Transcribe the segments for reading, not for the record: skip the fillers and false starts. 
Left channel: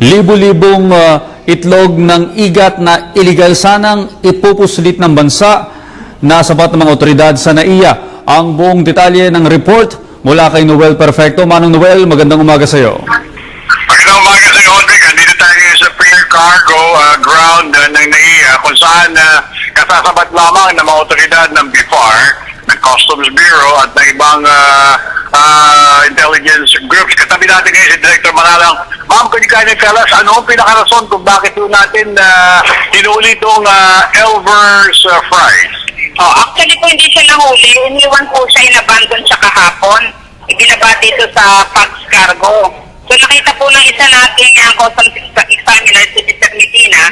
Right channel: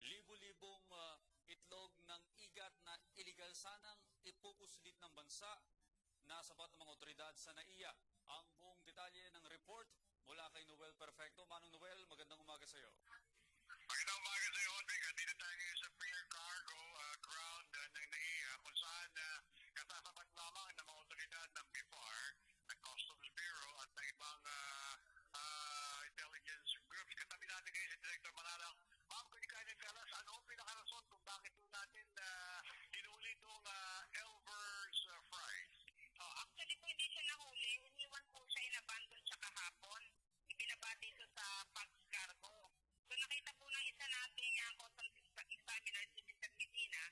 libo-libong itlog ng igat na iligal sanang ipupuslit ng bansa na sapat ng mga otoridad sa NAIA. Ang buong detalye ng report mula kay Noel Perfecto. Manong Noel, magandang umaga sa iyo. Magandang umaga sa iyo, Audrey. Andito tayo sa Pier Cargo ground ng NAIA kung saan kasasabat lamang ng mga otoridad ng BIFAR, ng Customs Bureau at ng ibang intelligence groups. Katabi natin ngayon si Director Manalang. Ma'am, could you kind of tell us ano ang pinakarason kung bakit po natin hinuli itong Elvers fries? Actually po hindi siya nahuli. Iniwan po siya, inabandon siya kahapon. Ibinaba dito sa Pax Cargo. So nakita po ng isa nating customs examiner, si Mr. Medina.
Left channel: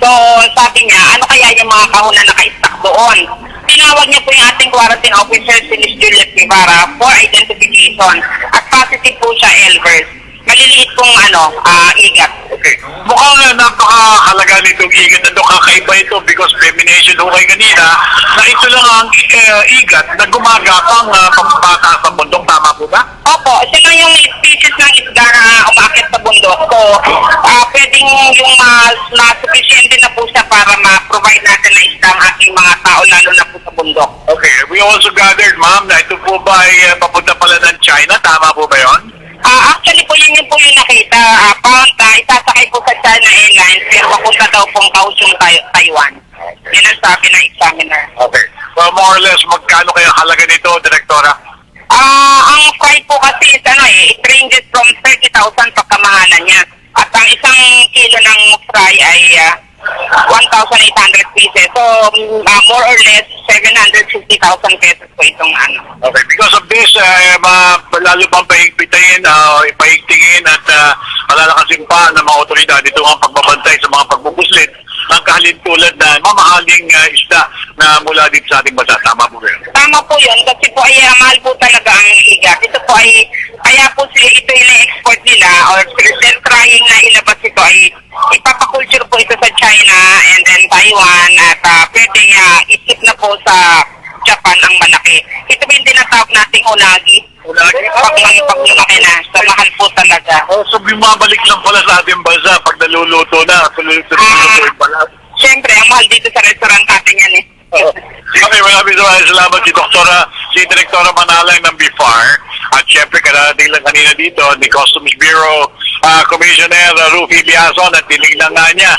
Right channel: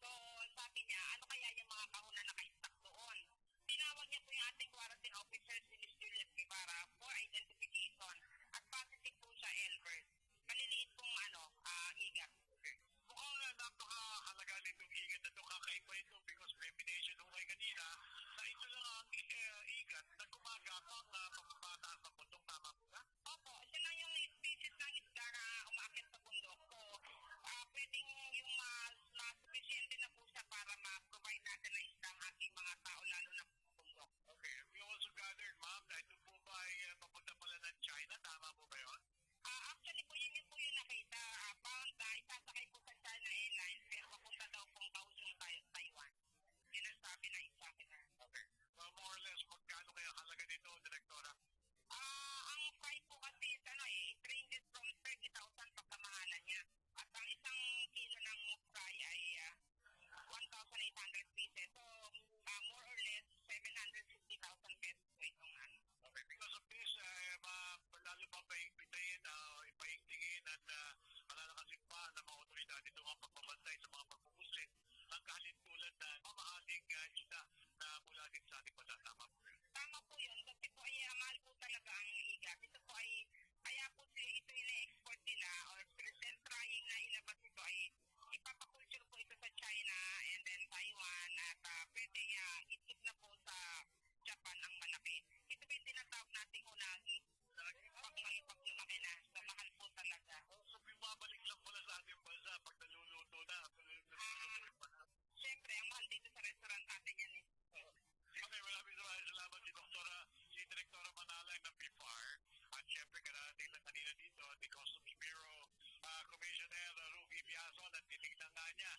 So sabi niya, ano kaya yung mga kahon na naka-stack doon? Tinawag niya po yung ating quarantine officer, si Ms. Juliet Guevara, for identification. At positive po siya, Elvers. Maliliit pong igat. Okay. Mukhang napakahalaga nitong igat na ito. Kakaiba ito because femination ho kayo kanina na ito lang ang igat na gumagapang pambata sa bundok. Tama po ba? Opo, siya lang yung species ng isda na umakit sa bundok. So, pwedeng yung na sufficient na po siya para ma-provide natin na isda ang ating mga tao, lalo na po sa bundok. Okay. We also gathered, ma'am, na ito po ba ay papunta pala ng China? Tama po ba yun? Actually po, yun po yung nakita. Itasakay po sa China Airlines, pero papunta daw pong Kaohsiung, Taiwan. Yan ang sabi ng examiner. Okay. Well, more or less, magkano kaya halaga nito, Direktora? Ang fry po kasi is it ranges from 30,000 pagkamahalan niya. At ang isang kilo ng fry ay 1,800 pieces. So, more or less, 750,000 pesos po itong Okay, because of this, lalo pang paigpitain, ipaigtingin at malalakasin pa ng mga otoridad ito ang pagbabantay sa mga pagbubuslit ng kahalintulad na mamahaling isda na mula dito sa ating bansa. Tama po yun? Tama po yun, kasi po ay mahal po talaga ang igat. Ito po ay, kaya po ito yung export nila or trying na ilabas ito ay ipapakulture po ito sa China and then Taiwan at pwedeng isip na po sa Japan ang malaki. Ito ba yung tinatawag nating unagi? Unagi? Pag lumaki na, so mahal po talaga. So bumabalik lang pala sa ating bansa pag naluluto na. Naluluto pala. Siyempre, ang mahal dito sa restaurant natin yan eh. Okay, maraming salamat si Direktora Manalang ng BIFAR at syempre kararating lang kanina dito ni Customs Bureau Commissioner Rufy Biazon at tinignan nga niya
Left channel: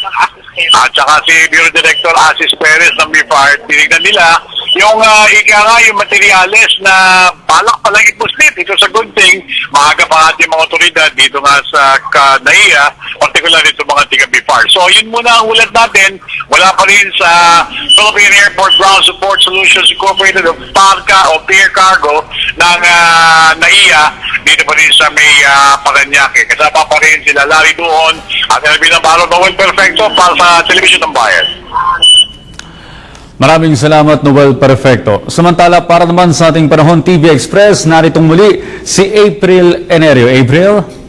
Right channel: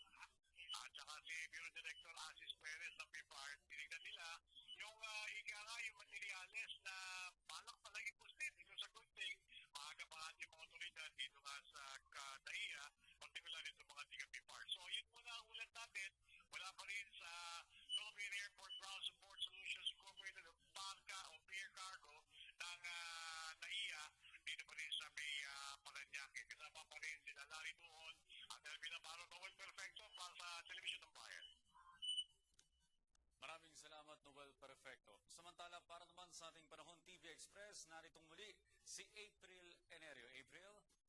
at saka si Bureau Director Asis Perez ng BIFAR, tinignan nila yung yung materyales na balak palang ipuslit. Ito sa good thing, maaga pa ating mga otoridad dito nga sa NAIA, particular dito mga tiga-BIFAR. So yun muna ang ulat natin. Wala pa rin sa Philippine Airport Ground Support Solutions Incorporated o PARCA o Pier Cargo ng NAIA dito pa rin sa may Paranaque. Kasama pa rin sila Larry Duon at Elvin Navarro, Noel Perfecto para sa Television ng Bayan. Maraming salamat, Noel Perfecto. Samantala, para naman sa ating Panahon TV Express, naritong muli si April Enerio. April?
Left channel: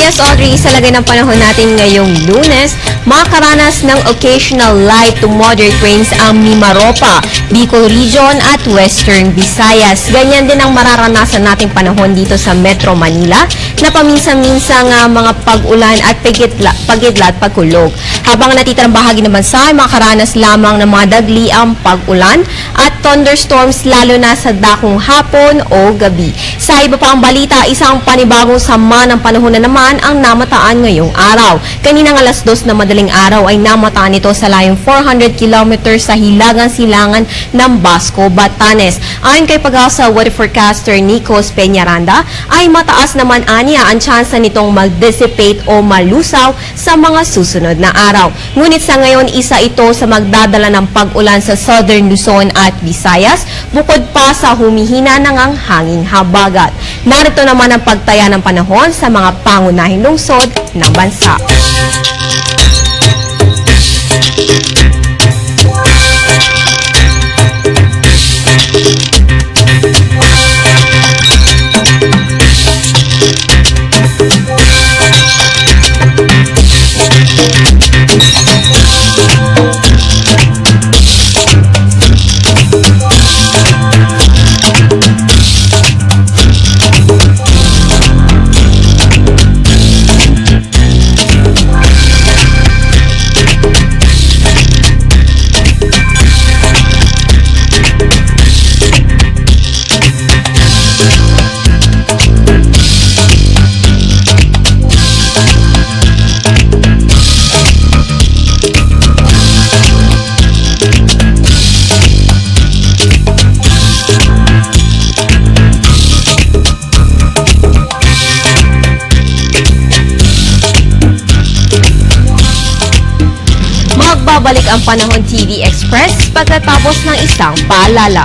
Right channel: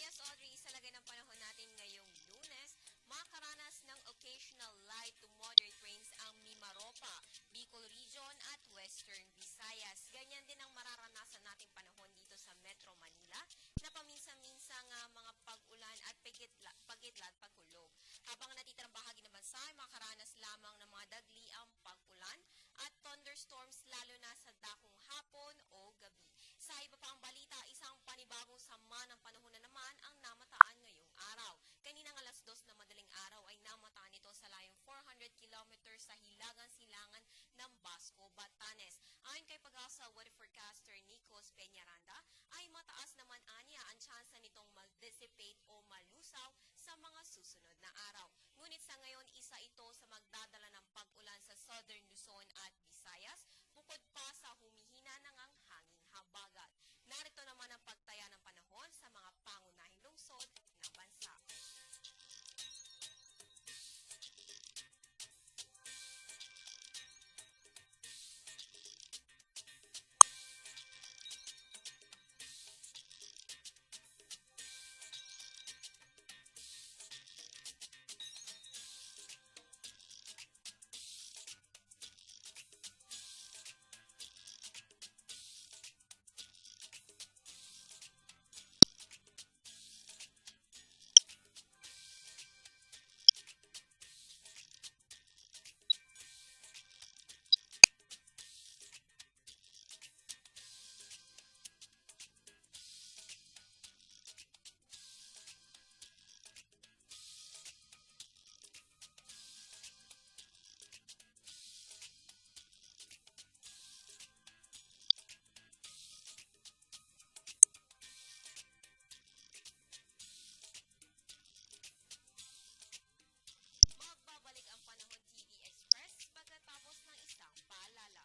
Yes, Audrey, sa lagay ng panahon natin ngayong Lunes, makakaranas ng occasional light to moderate rains ang Mimaropa, Bicol Region at Western Visayas. Ganyan din ang mararanasan nating panahon dito sa Metro Manila na paminsan-minsang mga pag-ulan at pagidlat pagkulog. Habang natitirang bahagi ng bansa ay makakaranas lamang ng mga dagli ang pag-ulan at thunderstorms lalo na sa dakong hapon o gabi. Sa iba pa ang balita, isang panibagong sama ng panahon na naman ang namataan ngayong araw. Kaninang alas 2 na madaling araw ay namataan ito sa layong 400 kilometers sa hilagang-silangan ng Basco, Batanes. Ayon kay Pag-asa Weather Forecaster Nicos Peñaranda, ay mataas naman aniya ang tsansa nitong mag-dissipate o malusaw sa mga susunod na araw. Ngunit sa ngayon, isa ito sa magdadala ng pag-ulan sa Southern Luzon at Visayas, bukod pa sa humihina ng ang hanging habagat. Narito naman ang pagtaya ng panahon sa mga pangunahing lungsod ng bansa. ang Panahon TV Express pagkatapos ng isang paalala.